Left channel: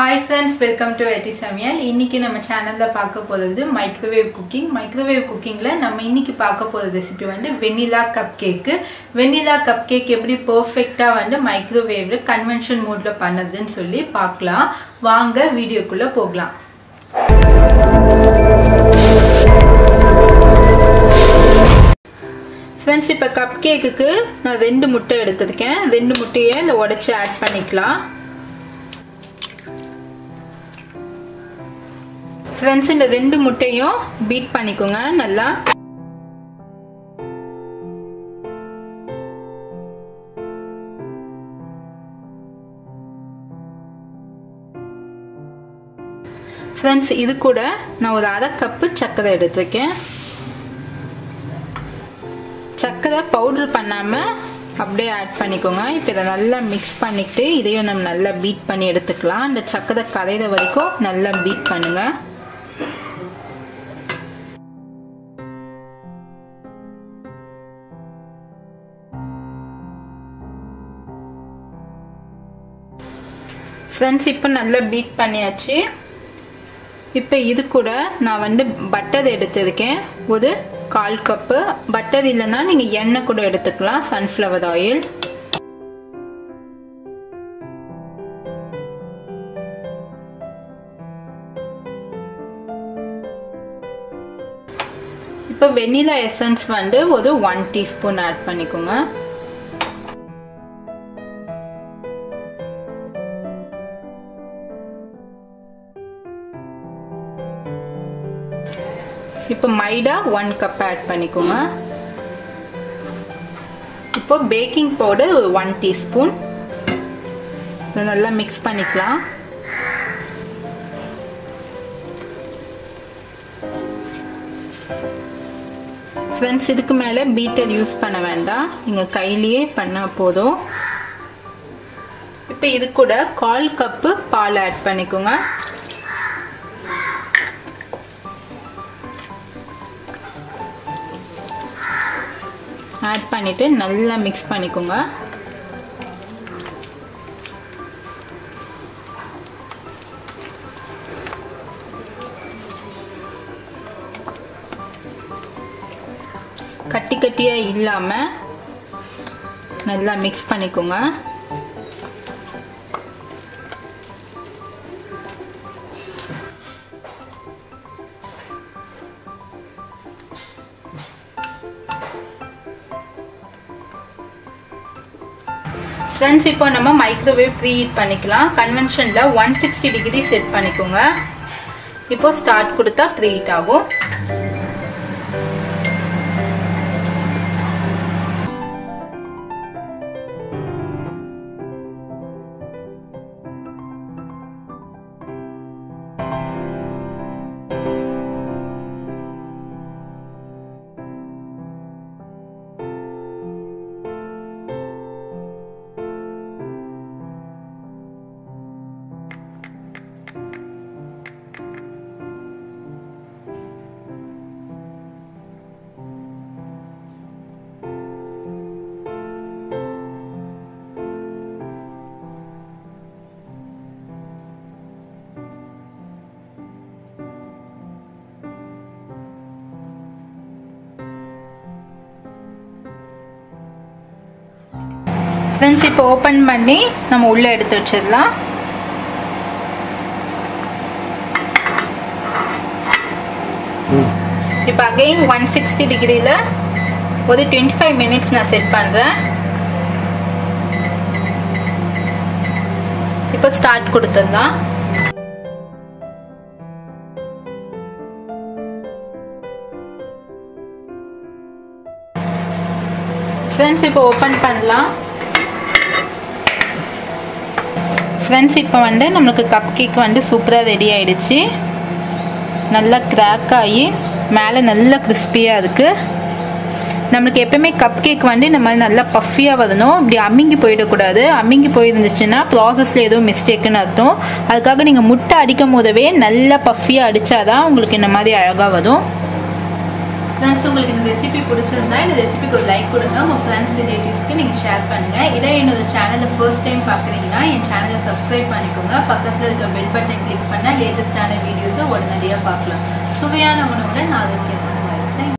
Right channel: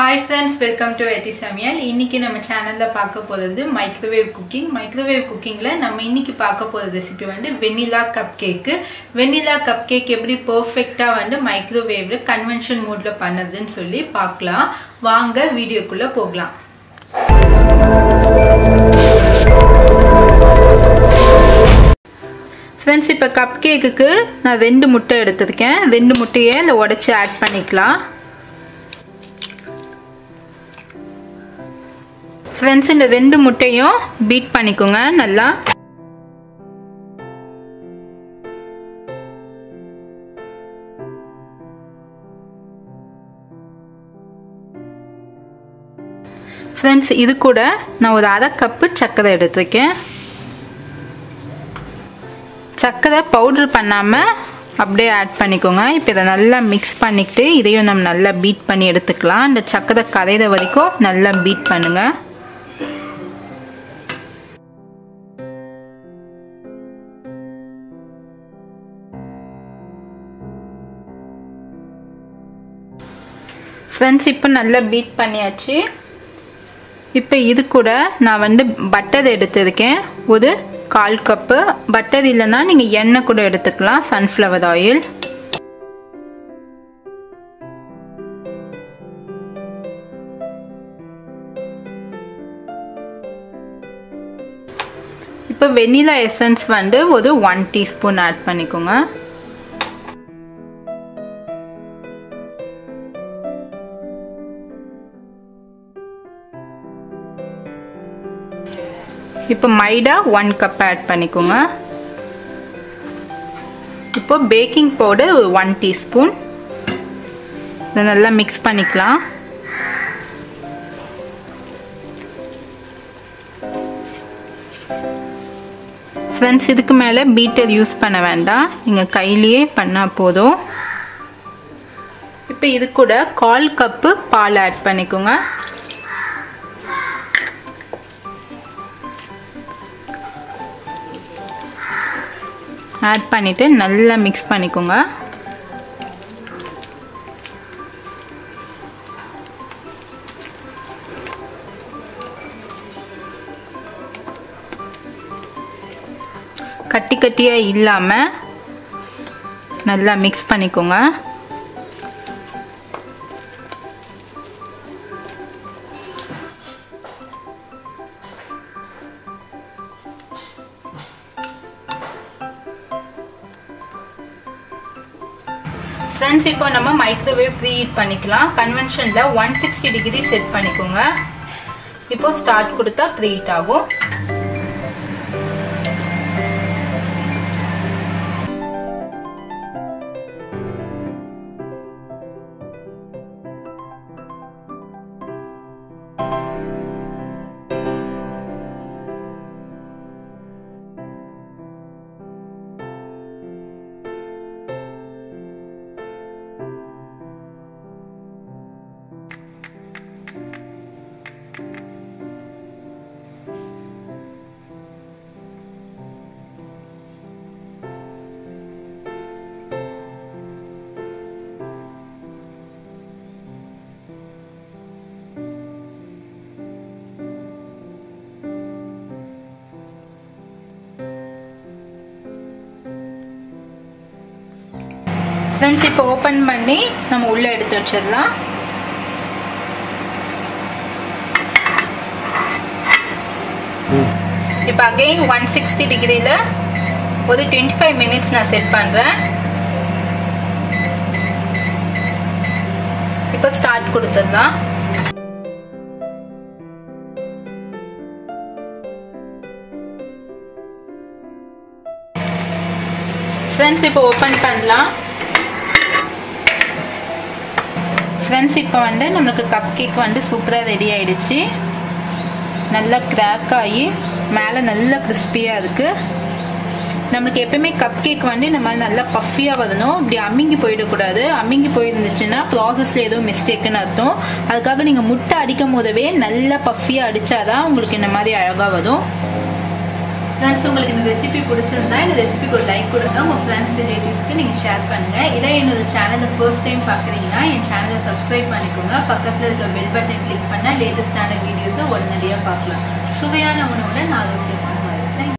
Hi friends, welcome to Ifb Samayal. இன்னைக்கு நம்ம சேனல்ல பார்க்க போறது மைக்ரோவேவ் குக்கிங். மைக்ரோவேவ் குக்கிங்ல நம்ம இன்னைக்கு பார்க்க போற ரெசிபி வந்து வெனிலா கப்கேக். வெனிலா கப்கேக் எப்படி பெர்ஃபெக்ட்டா வந்து மைக்ரோவேவ்ல கன்வென்ஷன் மோட்ல பண்ணதுன்னு சொல்லி பார்க்கலாம். வாங்க வீடியோக்குள்ள போகலாம். ஃப்ரெண்ட்ஸ், இப்ப கப்கேக்குக்கு நான் 2 முட்டை எடுத்துர்க்கேன். 2 முட்டையை இத உடைச்சு ஆட் பண்ணிக்கலாம். ஃப்ரெண்ட்ஸ், இந்த 2 முட்டையும் பீட் பண்ணிக்கோங்க நல்லா. ஃப்ரெண்ட்ஸ், இது கூட நான் ஒரு 1/2 கப்பு சர்க்கரை எடுத்துருக்கேன். சர்க்கரை பவுடர் பண்ணாம அப்படியே ஆட் பண்ணிக்கோங்க. இப்போ இதை நல்லா மிக்ஸ் பண்ணிக்கிட்டு இதையும் நம்ம நல்லா பீட் பண்ணி எடுத்துக்கலாம். இந்த சர்க்கரை கரையிற வரைக்கும் நல்லா பீட் பண்ணுங்க. ஃப்ரெண்ட்ஸ், இப்போ நல்லா பீட் பண்ணியாச்சு. இப்போ இது கூட நான் வந்து பட்டர் எடுத்திருக்கேன். ஒரு 1/4 கப்பு. பட்டர் இல்லைன்னா நீங்க எண்ணெய் கூட எடுத்துக்கலாம், சன்ஃப்ளவர் ஆயில். இப்போ வெனிலா எசன்ஸ் வந்து ஒரு 1 டீஸ்பூன் ஆட் பண்ணிக்கோங்க. இப்போ மைடா 1 கப் ஆட் பண்ணிக்கோங்க. இப்போ பேக்கிங் பவுடர் 1 டீஸ்பூன். இதை நல்லா மிக்ஸ் பண்ணிக்கலாம். ஃப்ரெண்ட்ஸ், இதுக்கு மேலே பீட்டர் யூஸ் பண்ண வேண்டாம், நீங்க கையிலேயே பண்ணா போதும். இப்போ இது கூட 1/4 கப்பு பால் ஆட் பண்ணிக்கோங்க. ஆட் பண்ணிட்டு நல்லா மிக்ஸ் பண்ணிக்கோங்க. கட்டி கட்டியா இல்லாம நல்லா மிக்ஸ் பண்ணிக்கோங்க. ஃப்ரெண்ட்ஸ், இப்போ நம்ம மைக்ரோவேவ் ப்ரீஹீட் பண்ணிக்கலாம். கன்வென்ஷன்ல 160 டிகிரி செட் பண்ணிக்கோங்க. இப்போ ஸ்டார்ட் கொடுத்தா ப்ரீஹீட் ஆகும். ஃப்ரெண்ட்ஸ், இப்போ ஓபன் பண்ணி நம்ம உள்ள எடுத்து வச்சிடலாம். இப்போ அகைன் 160 டிகிரில ஒரு 25 மினிட்ஸ் நான் செட் பண்றேன். இப்போ ஸ்டார்ட் கொடுத்துடலாம். ஃப்ரெண்ட்ஸ், இப்போ ஓபன் பண்ணலாம். ஃப்ரெண்ட்ஸ், இப்போ வந்து நமக்கு கப் கேக் வந்து சூப்பராக ரெடி ஆயிடுச்சு. நல்லா கிராக் ஆகி மேலே நல்லா கிறிஸ்பியாக இருக்கு. நம்மளுக்கு எப்பவுமே கப் கேக் வந்து நம்ம நல்லா பஃபியாக வரணும். இப்படி அம்மிங்கி போயிடக்கூடாது. அம்மிங்கி போயிருந்துச்சுன்னா ப்ராசஸில் ஏதோ மிஸ்டேக்குன்னு அர்த்தம். அதுக்காக நீங்கள் முட்டை அடிக்கும் போதவே நல்லா பஃபியாக அடித்தாதான் உங்களுக்கு இந்த மாதிரி அழகாக வரும். ஃப்ரெண்ட்ஸ், உங்களுக்கு இந்த ரெசிபி பிடிச்சிருந்தா இந்த ரெசிபிக்கு ஒரு லைக் கொடுங்க. உங்கள் ஃப்ரெண்ட்ஸ் ரிலேட்டிவ்ஸ்க்கு நீங்கள் ஷேர் பண்ணுங்கள். இல்லை என்னோட சேனலை ஃபர்ஸ்ட் டைம் பார்க்குறீங்கன்னா என் சேனலை சப்ஸ்கிரைப் பண்ணிக்கோங்க. பக்கத்தில் இருக்க பெல் பட்டன் கிளிக் பண்ணால் லேட்டஸ்டான வீடியோஸை உடனடியாக பார்க்கலாம். சுவையான உணவுடன் ஆரோக்கியம்.